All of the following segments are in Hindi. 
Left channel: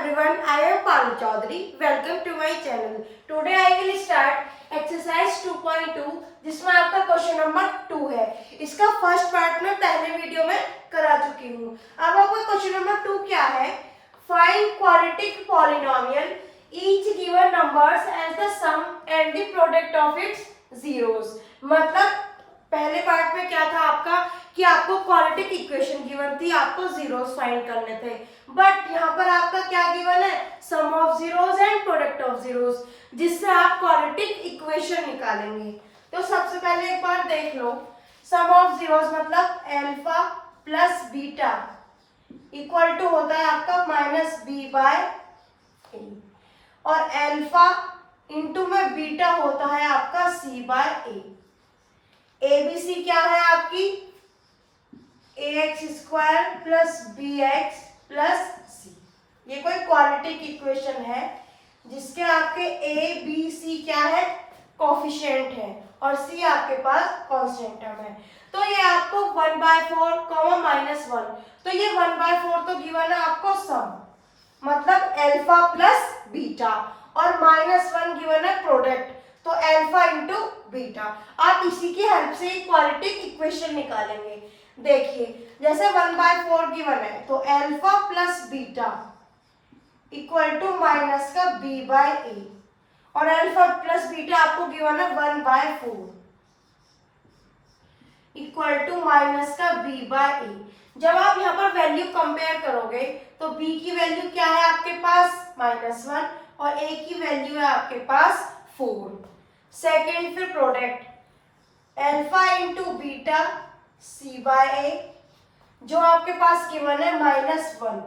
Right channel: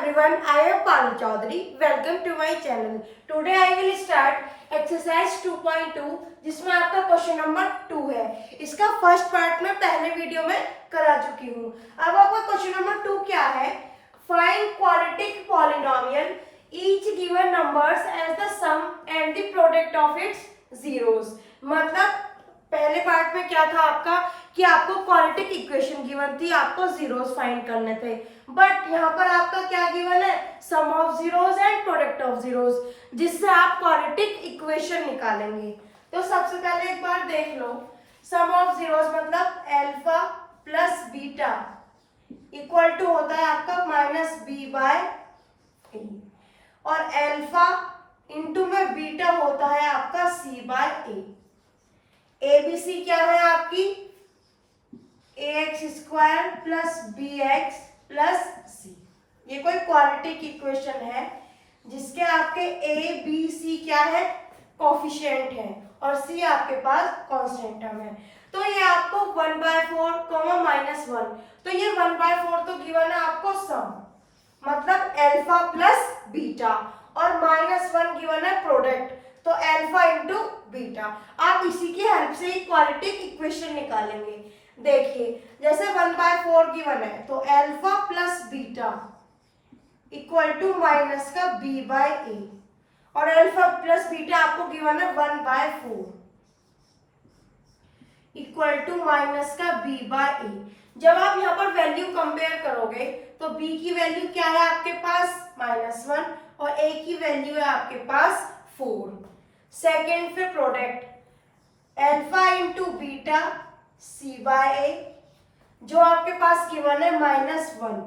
everyone, I am Paru Chaudhary. Welcome to my channel. Today I will start exercise 2.2 जिसमें आपका क्वेश्चन नंबर 2 है. इसका फर्स्ट पार्ट मैं पहले वीडियो में करा चुकी हूँ. अब आपका क्वेश्चन नंबर 2 क्या है? Find quadratic polynomial each given numbers as the sum and the product of its zeros. मतलब पहले पार्ट में क्या था आपका कि आपको क्वाड्रेटिक इक्वेशन गिवन थी, आपको जीरोस फाइंड करने थे. बट यहाँ पर आपका क्या गिवन है? Sum of zeros and product of zeros, जिससे आप क्वाड्रेटिक इक्वेशन निकालेंगे. तो सबसे पहले एक बार देख लो. सम ऑफ जीरोस मतलब alpha plus beta equal to होता है आपका माइनस बी बाय ए, और अल्फा इंटू में बीटा होता है आपका सी बाय ए. एबीसी क्या है आपकी? A x square plus b x plus c. ये कोई क्वाड्रेटिक इक्वेशन है जिसके आपके ए बी सी क्या है? कोफिशिएंट है, और सी आपके पास कांस्टेंट टर्म है. तो ये आपको 1/4 माइनस 1, तो ये 1/4 तो गिवन है आपको सम, मतलब अल्फा प्लस बीटा, और माइनस 1 गिवन है प्रोडक्ट, तो अल्फा इंटू बीटा. आप इसी की हेल्प से क्वाड्रेटिक इक्वेशन निकालेंगे. देखिए जैसे 1/4 गिवन है तो alpha plus beta equal to minus का बी बाय ए, और अल्फा प्लस बीटा आपको गिवन है 1/4 इक्वल टू माइनस का बी बाय ए. जब आप यहाँ पर वैल्यू कंपेयर करोगे तो b की वैल्यू क्या है आपके पास? -1, और a की वैल्यू है आपके पास 4. सेकेंड फिर product alpha into beta C by ए, जो आपके पास गिवन है -1.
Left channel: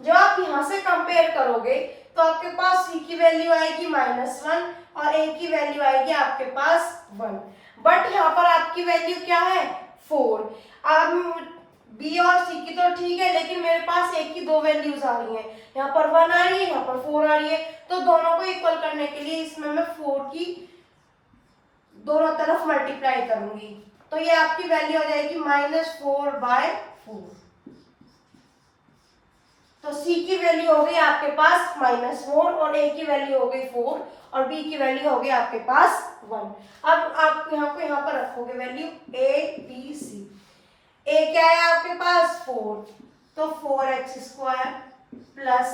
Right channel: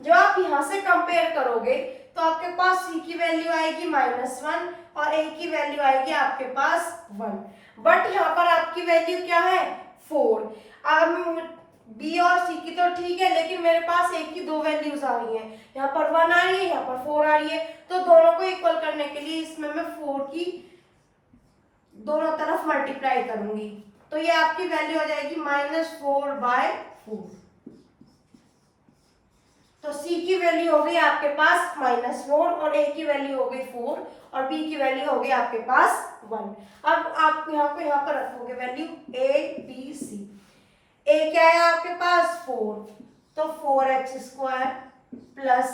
जब आप यहां से कंपेयर करोगे तो आपके पास c की वैल्यू आएगी -1 और a की वैल्यू आएगी आपके पास 1. बट यहाँ पर आपकी वैल्यू क्या है? 4. अब b और c की तो ठीक है, लेकिन मेरे पास a की दो वैल्यूज आ रही हैं. यहाँ पर 1 आ रही है, यहाँ पर 4 आ रही है. तो दोनों को इक्वल करने के लिए इसमें मैं 4 की दोनों तरफ मल्टीप्लाई करूंगी, तो ये आपकी वैल्यू हो जाएगी -4/4. तो c की वैल्यू हो गई आपके पास -4, और a की वैल्यू हो गई 4, और b की वैल्यू हो गई आपके पास 1. अब आप यहाँ पर रखोगे value a b c. a क्या है आपके पास? 4, तो 4x² प्लस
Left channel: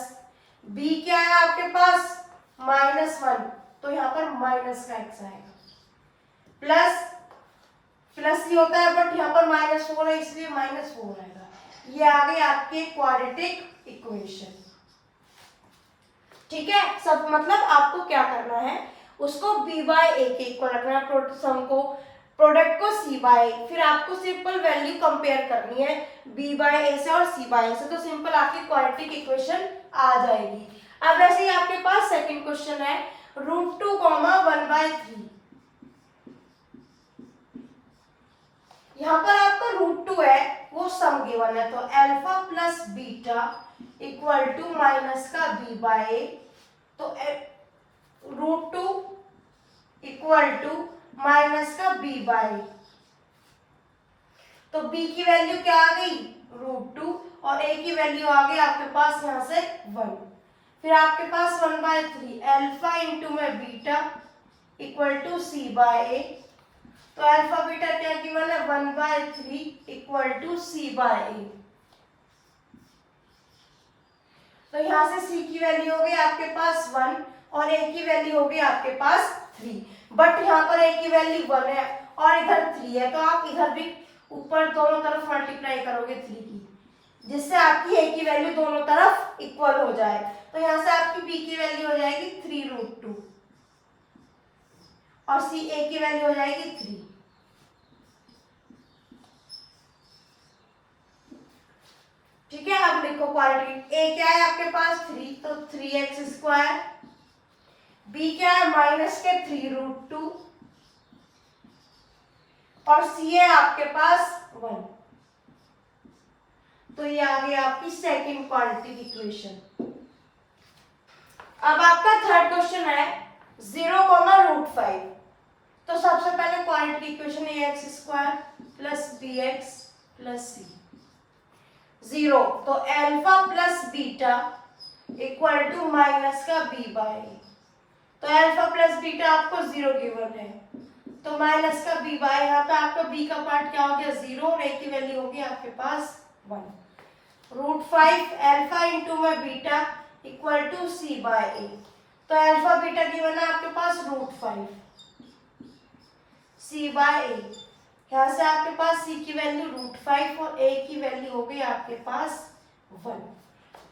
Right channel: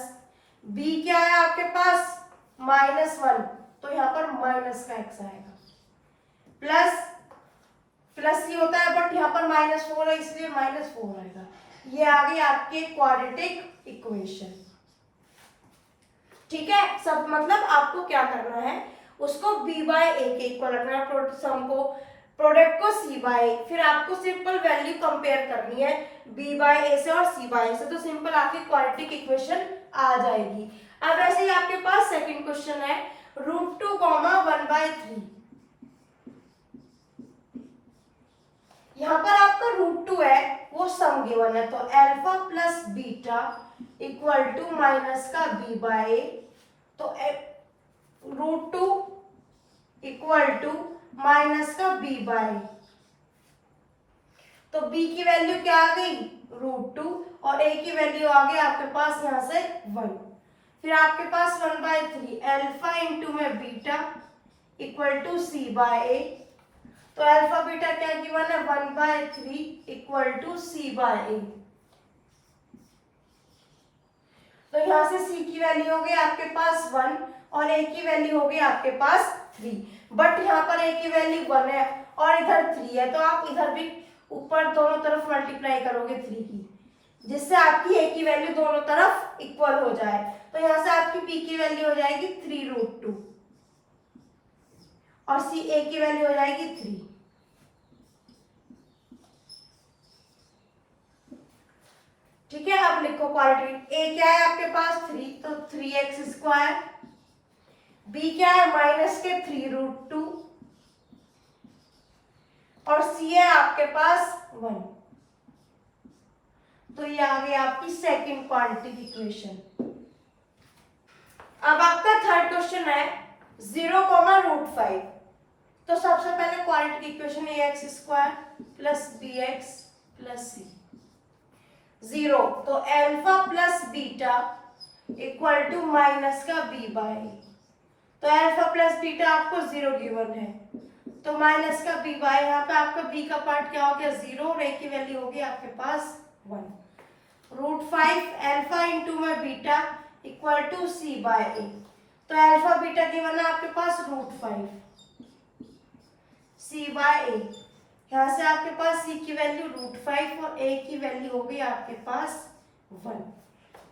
b क्या है आपके पास? -1, तो यहाँ पर माइनस का x आएगा, प्लस प्लस ही होता है बट यहाँ पर -4 है इसलिए -4 आएगा. ये आ गई आपकी क्वाड्रेटिक इक्वेशन. ठीक है, सब मतलब आपको क्या करना है, उसको b बाय a के इक्वल रखना है, सम को, प्रोडक्ट को c बाय a. फिर आपको सिंपल वैल्यू कंपेयर करनी है b बाय a से और c बाय a से, तो सिंपल आपकी क्वाड्रेटिक इक्वेशन आ जाएगी. अब ऐसे ही आपके पास सेकंड क्वेश्चन है √2, 1/3. यहाँ पर आपका √2 है, वो सम गिवन है, तो alpha plus beta equal to minus का b बाय ए, तो √2 इक्वल टू माइनस का b बाय, तो b की वैल्यू क्या आ गई? √2, और a की वैल्यू आ गई आपके पास यहाँ से 1. फिर आपके पास 1/3 अल्फा इंटू में beta equal to c by ए, तो अल्फा बीटा क्या गिवन है? 1/3 इक्वल टू c बाय ए. तो यहाँ से c की वैल्यू हो गई आपके पास 1, और a की वैल्यू हो गई आपके पास 3. बट यहाँ पर a की वैल्यू 1 है और इधर 3 है, तो आप इधर भी ऊपर दोनों तरफ मल्टीप्लाई करोगे 3 की, जिससे आपकी a की वैल्यू दोनों तरफ इक्वल हो जाए. तो यहाँ से आपकी p की वैल्यू हो जाएगी 3√2, और a की वैल्यू हो जाएगी 3. ठीक है, अब लिखो क्वाड्रेटिक. a क्या है आपके पास? 3, तो 3x². b क्या है? माइनस के 3√2, और c है आपके पास 1. तो ये आ गई आपकी सेकंड क्वाड्रेटिक इक्वेशन. अब आपका थर्ड क्वेश्चन है 0, √5. तो सबसे पहले quadratic equation ax² plus bx plus c. 0, तो alpha plus beta equal to minus का बी बाय ए। तो अल्फा प्लस बीटा आपको 0 गिवन है, तो माइनस का बी बाय, यहाँ पे आपका बी का पार्ट क्या हो गया 0 और ए की वैल्यू होगी आपके पास 1। √5 अल्फा इंटू में beta equal to C by ए। तो अल्फा बीटा गिवन है आपके पास √5 सी बाय ए। यहाँ से आपके पास सी की वैल्यू √5 और ए की वैल्यू हो गई आपके पास 1।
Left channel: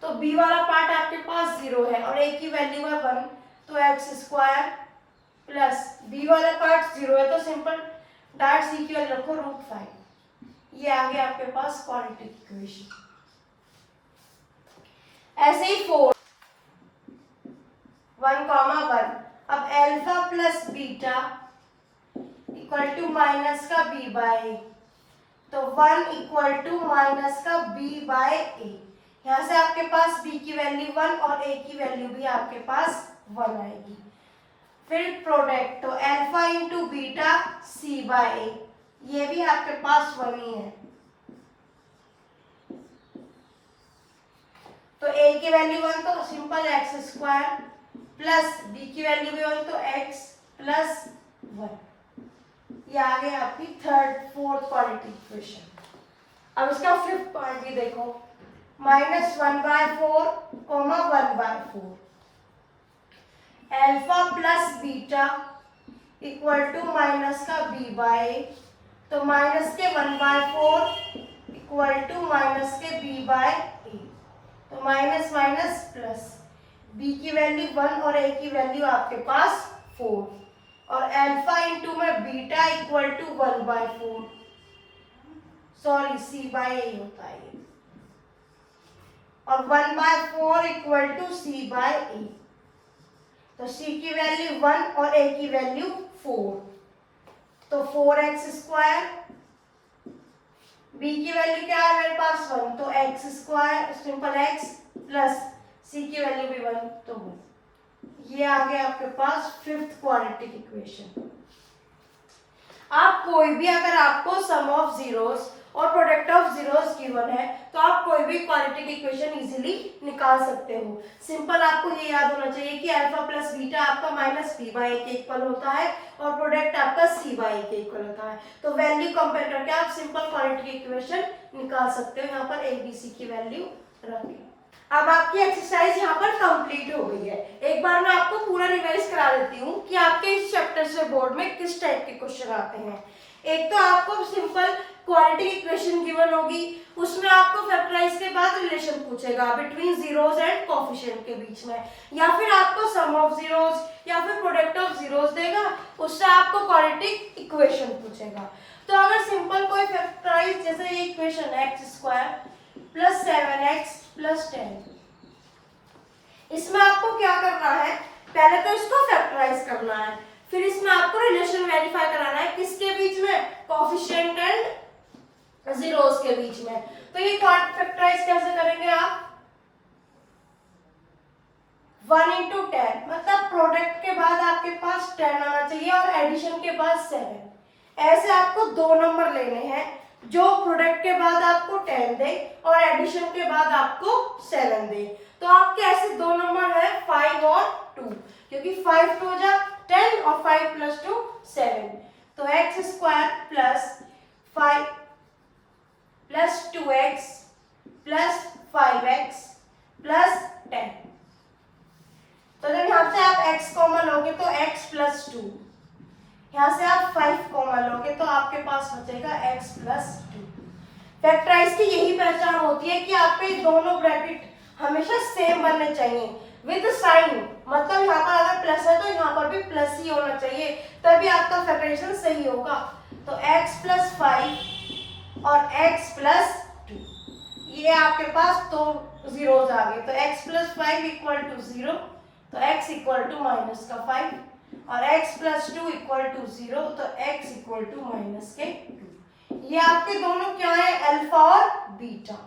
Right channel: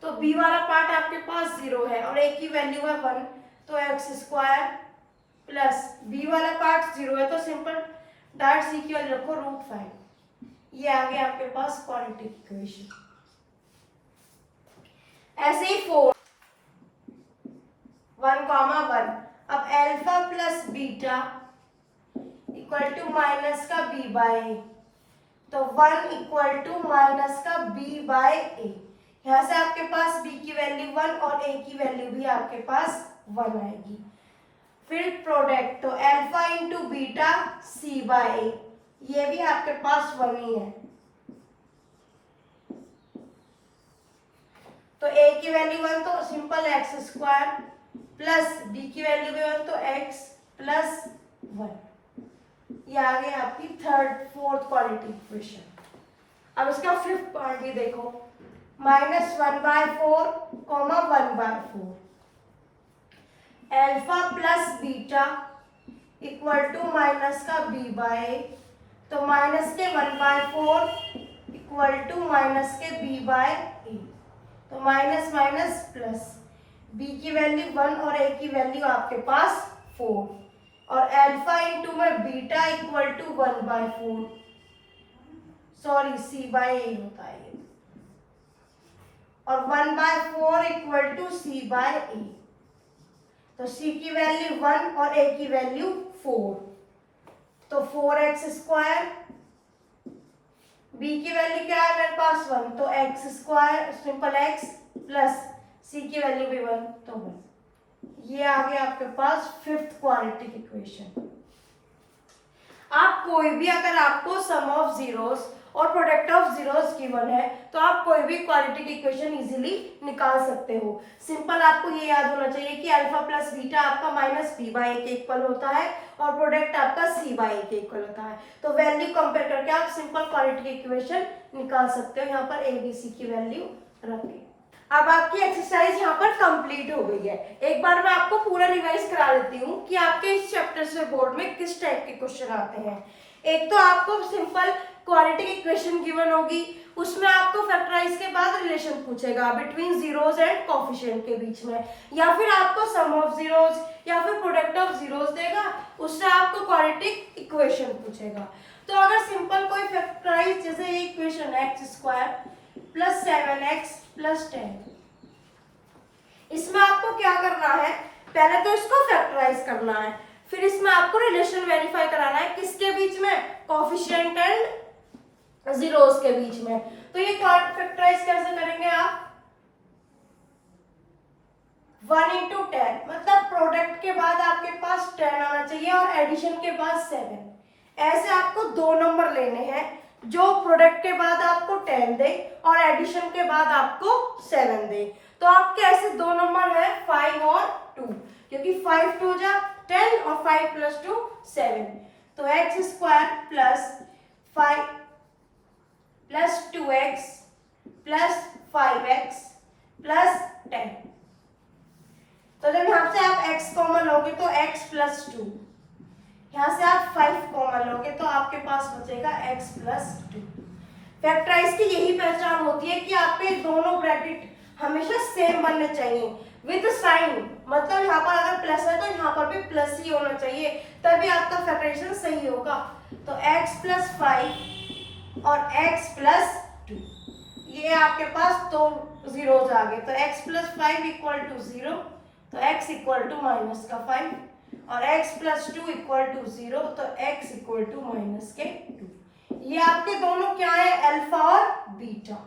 तो बी वाला पार्ट आपके पास 0 है और ए की वैल्यू है 1, तो एक्स स्क्वायर प्लस बी वाला पार्ट 0 है, तो सिंपल डायरेक्ट सी की वैल्यू रखो √5। ये आ गया आपके पास क्वाड्रेटिक इक्वेशन। ऐसे ही 4 1,1। अब alpha plus beta equal to minus का बी बाय ए, तो 1 इक्वल टू माइनस का बी बाय ए। यहाँ से आपके पास b की वैल्यू 1 और a की वैल्यू भी आपके पास 1 आएगी। फिर प्रोडक्ट, तो alpha into beta C by ए, ये भी आपके पास 1 ही है, तो a की वैल्यू 1 तो simple x square plus b की वैल्यू भी 1 तो x प्लस 1। ये आ गया आपकी फोर्थ क्वाड्रेटिक इक्वेशन। अब इसका फिफ्थ पार्ट भी देखो, -1/4, 1/4 alpha plus beta equal to minus का b बाय ए, तो माइनस के 1/4 इक्वल टू माइनस के b बाय ए, तो माइनस माइनस प्लस, b की वैल्यू 1 और a की वैल्यू आपके पास 4, और अल्फा इंटू में beta equal to 1/4, sorry C by A होता है ये, और 1/4 इक्वल टू सी बाय ए, तो सी की वैल्यू 1 और ए की वैल्यू 4, तो 4x स्क्वायर, बी की वैल्यू क्या है मेरे पास 1, तो x square simple x plus C की वैल्यू भी 1 तो 1। ये आ गया आपके पास फिफ्थ क्वाड्रेटिक इक्वेशन। आप कोई भी अगर आपको सम ऑफ जीरोस और प्रोडक्ट ऑफ जीरोस गिवन है तो आप कोई भी क्वाड्रेटिक इक्वेशन इजीली निकाल सकते हो। सिंपल आपको ये याद होना चाहिए कि अल्फा प्लस बीटा आपका माइनस बी बाय ए के इक्वल होता है और प्रोडक्ट आपका सी बाय ए के इक्वल होता है। तो वैल्यू कंपेयर करके आप सिंपल क्वाड्रेटिक इक्वेशन निकाल सकते हो। यहाँ पर ए बी सी की वैल्यू रखें। अब आपकी एक्सरसाइज यहाँ पर कंप्लीट हो गई है। एक बार मैं आपको पूरा रिवाइज करा देती हूँ कि आपके इस चैप्टर से बोर्ड में किस टाइप के क्वेश्चन आते हैं। एक तो आपको सिंपल क्वाड्रेटिक इक्वेशन गिवन होगी, उसमें आपको फैक्टराइज के बाद रिलेशन पूछेगा बिटवीन जीरोस एंड कोफिशिएंट के बीच में, या फिर आपको सम ऑफ जीरोस या फिर प्रोडक्ट ऑफ जीरोस देगा, उससे आपको क्वाड्रेटिक इक्वेशन पूछेगा। तो अगर सिंपल कोई फैक्टराइज जैसे ये equation x square plus 7x plus 10, इसमें आपको क्या करना है, पहले तो इसको फैक्टराइज करना है, फिर इसमें आपको रिलेशन वेरीफाई कराना है किसके बीच में, कोफिशिएंट एंड जीरोस के बीच में। तो ये फैक्टराइज कैसे करेंगे आप, 1 into 10, मतलब प्रोडक्ट के बाद आपके पास 10 आना चाहिए और एडिशन के बाद 7। ऐसे आपको दो नंबर लेने हैं जो प्रोडक्ट के बाद आपको 10 दे और एडिशन के बाद आपको 7 दे। तो आपके ऐसे दो नंबर है 5 और 2, क्योंकि 5 2 जा 10 और 5 प्लस 2 7। तो x square plus 5 plus 2x plus 5x plus 10। तो जब यहाँ से आप x कॉमन लोगे तो x प्लस 2, यहाँ से आप 5 कॉमन लोगे तो आपके पास बचेगा x प्लस 2। फैक्टराइज की यही पहचान होती है कि आपके दोनों ब्रैकेट हमेशा सेम बनने चाहिए विद साइन, मतलब यहाँ पर अगर प्लस है तो यहाँ पर भी प्लस ही होना चाहिए, तभी आपका फैक्टराइजेशन सही होगा। तो x प्लस 5 और x प्लस 2, ये आपके पास दो जीरोज आ गए, तो x प्लस 5 इक्वल टू 0, तो x इक्वल टू माइनस का 5, और x प्लस 2 इक्वल टू 0, तो x इक्वल टू माइनस के 2। ये आपके दोनों क्या है, अल्फा और बीटा।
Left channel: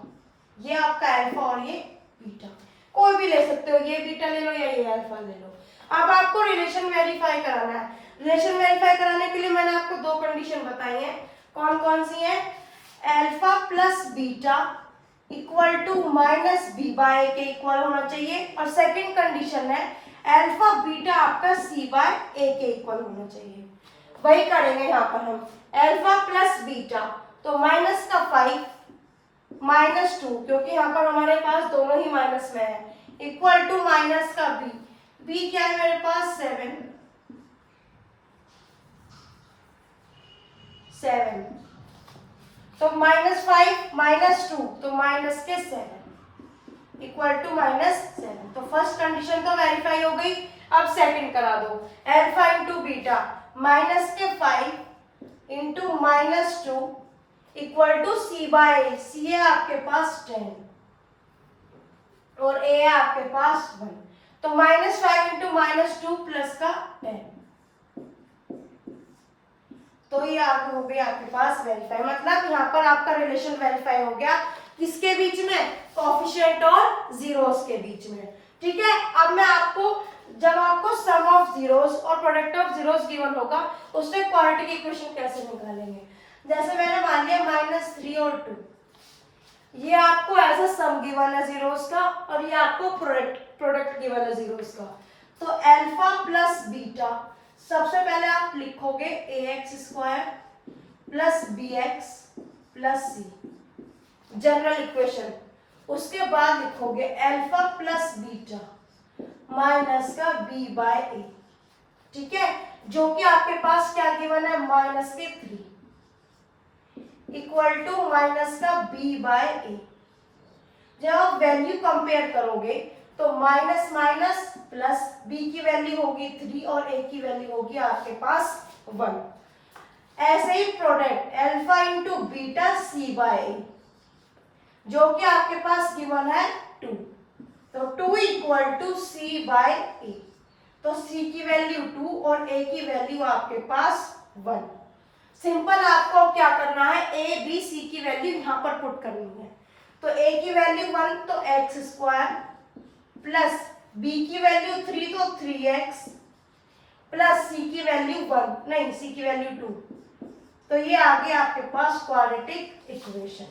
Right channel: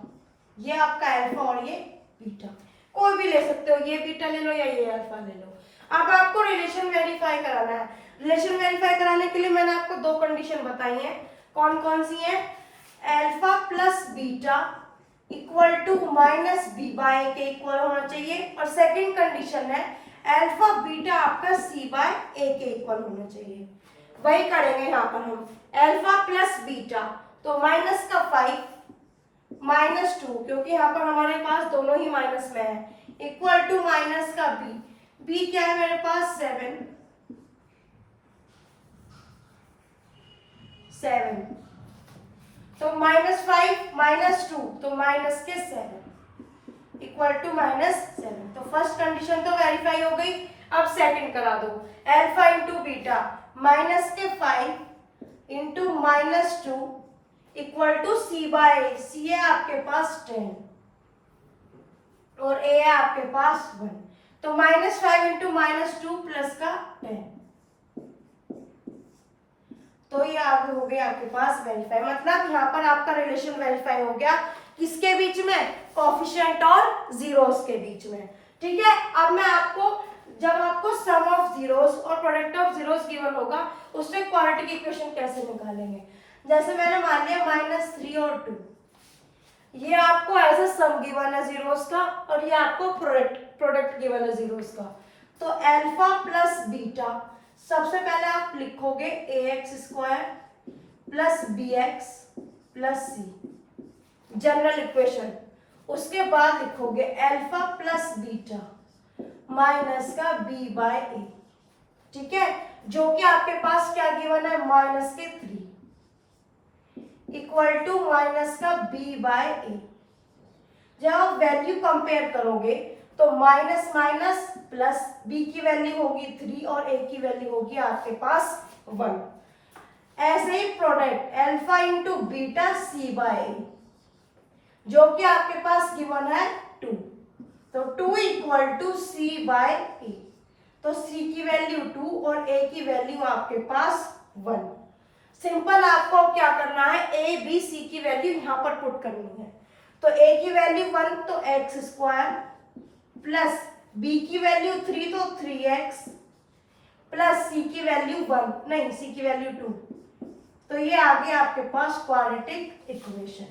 ये आपका अल्फा और ये बीटा, कोई भी ले सकते हो, ये बीटा ले लो या ये अल्फा ले लो। अब आपको रिलेशन वेरीफाई कराना है। रिलेशन वेरीफाई कराने के लिए मैंने आपको दो कंडीशन बताई है, कौन कौन सी है, alpha plus beta equal to minus B by A के इक्वल होना चाहिए। और सेकंड कंडीशन है अल्फा बीटा आपका सी बाय ए के इक्वल होना चाहिए। वही करेंगे यहाँ पर हम, अल्फा प्लस बीटा, तो माइनस का 5 माइनस 2, क्योंकि यहाँ पर हमारे पास दोनों ही माइनस में है, इक्वल टू माइनस का बी, बी क्या है मेरे पास 7, तो -5 -2 तो माइनस के 7 इक्वल टू -7। तो फर्स्ट कंडीशन तो वेरीफाई हो गई। अब सेकंड करा दो, अल्फा इंटू बीटा माइनस के 5 into -2 equal to C by A. C है आपके पास 10 और ए है आपके पास 1, तो -5 इंटू -2 प्लस का 10, तो ये आगे हो गया आपके पास वेरीफाई। मतलब यहाँ पर आपका रिलेशन वेरीफाई हो गया, किसके बीच में, कोएफिशिएंट और जीरोस के बीच में। ठीक है, अब मैं आपको, जब आपको सम ऑफ जीरोस और प्रोडक्ट ऑफ जीरोस गिवन होगा, उससे क्वाड्रेटिक इक्वेशन कैसे निकालेंगे। जैसे मैंने मान लिया -3 और 2, ये आपको एज अ सम गिवन है जीरोस का, और ये आपको प्रोडक्ट गिवन है जीरोस का। तो अल्फा प्लस बीटा, सबसे पहले आप लिखोगे ax² plus bx plus c, general equation. उसके बाद लिखोगे अल्फा प्लस बीटा माइनस का b बाय ए। ठीक है, जो कि आपके पास क्या गिवन है, -3 इक्वल टू माइनस का b बाय ए। जब आप वैल्यू कंपेयर करोगे तो माइनस माइनस प्लस, b की वैल्यू होगी 3 और a की वैल्यू होगी आपके पास 1। ऐसे ही product alpha into beta C by ए, जो कि आपके पास गिवन है 2, तो 2 इक्वल टू सी बाय ए। तो c की वैल्यू 2 और a की वैल्यू आपके पास 1। सिंपल आपको क्या करना है, a b c की वैल्यू यहाँ पर पुट करनी है। तो a की वैल्यू 1 तो x² प्लस b की वैल्यू 3 तो 3x प्लस c की वैल्यू 1, नहीं c की वैल्यू 2, तो ये आ गया आपके पास क्वाड्रेटिक इक्वेशन।